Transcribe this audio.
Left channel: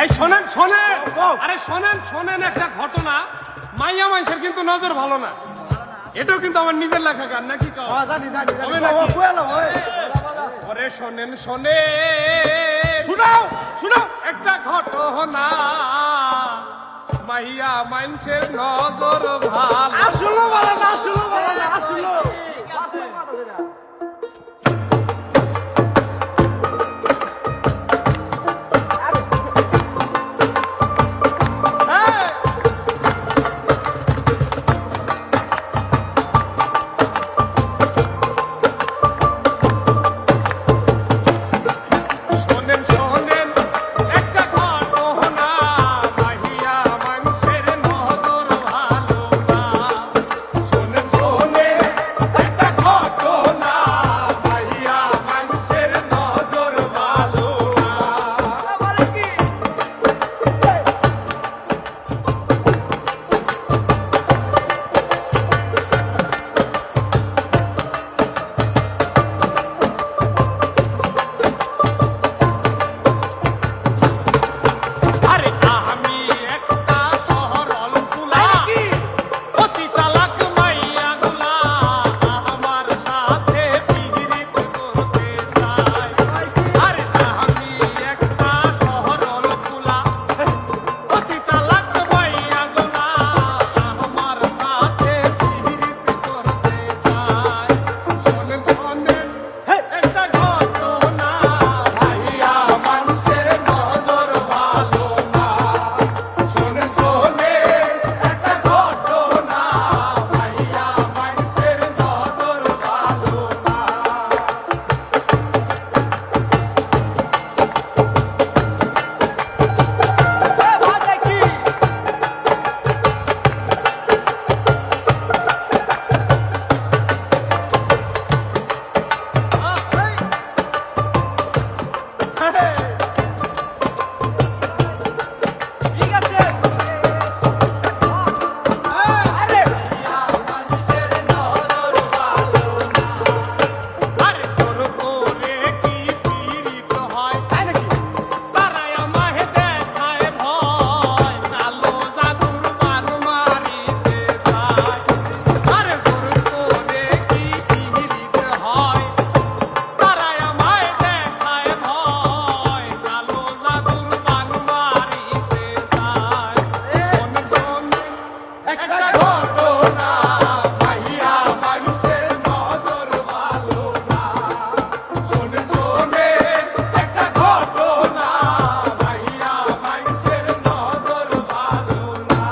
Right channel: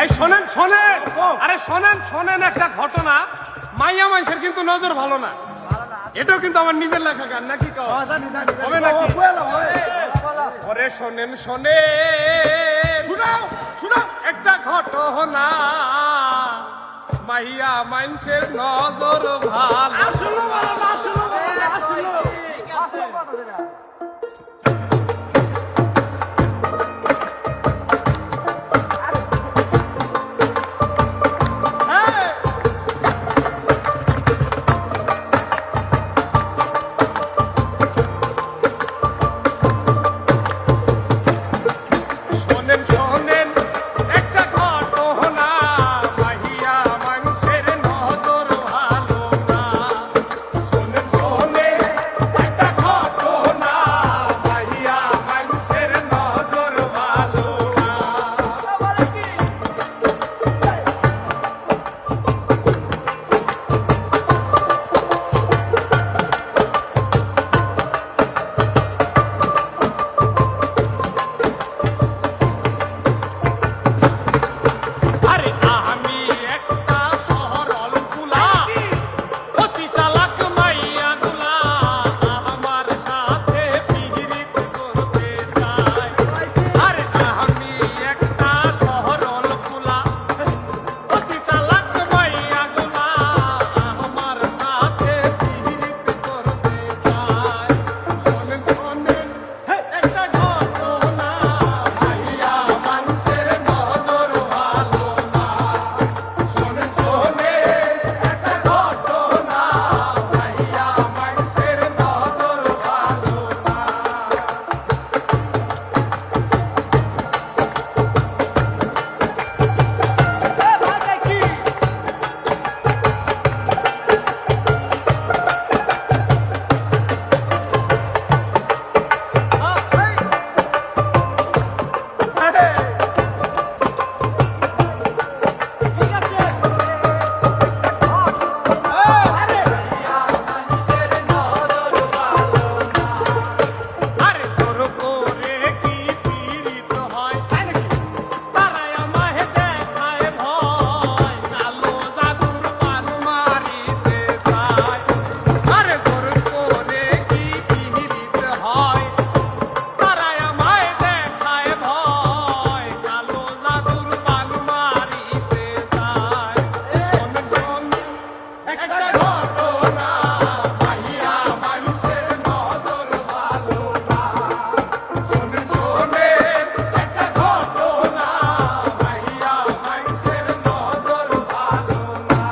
এই শোনেন শোনেন, আরে শোনেন শোনেন, একটা ঘটনা। মাইয়া মানুষের কিন্তু নজর ভালো না, এটাও কিন্তু আমার নিজের লেখা গান, নাকি হবে নাকি? ওরে শোনেন শোনেন, শুনাও শুনাও একটা ঘটনা। মাইয়া মানুষের নজর ভালো। শুনো বাবা না, শুনো বাবা না, শুনো। শোনেন শোনেন, একটা ঘটনা। মাইয়া মানুষের নজর ভালো না। শোনেন শোনেন, একটা ঘটনা। মাইয়া মানুষের নজর ভালো না। আরে আমি একটা শহরল ফুলা, অতি চালাক মাইয়া গুলা আমার সাথে পিরিত করতে চায়। আরে আমি একটা শহরল ফুলা, অতি চালাক মাইয়া গুলা আমার সাথে পিরিত করতে চায়। শোনেন শোনেন, একটা ঘটনা। মাইয়া মানুষের নজর ভালো না। শোনেন শোনেন, একটা ঘটনা। মাইয়া মানুষের নজর ভালো না। ঠিক আছে আরে জোর করে কি পীড়িত হয়, তারাই আমায় দেখায় ভয়, কালো জাদুর বান মারিতে চায়। আরে জোর করে কি পীড়িত হয়, তারাই আমায় দেখায় ভয়, কালো জাদুর বান মারিতে চায়। শোনেন শোনেন, একটা ঘটনা। মাইয়া মানুষের নজর ভালো না। শোনেন শোনেন, একটা ঘটনা। মাইয়া মানুষের নজর ভালো না।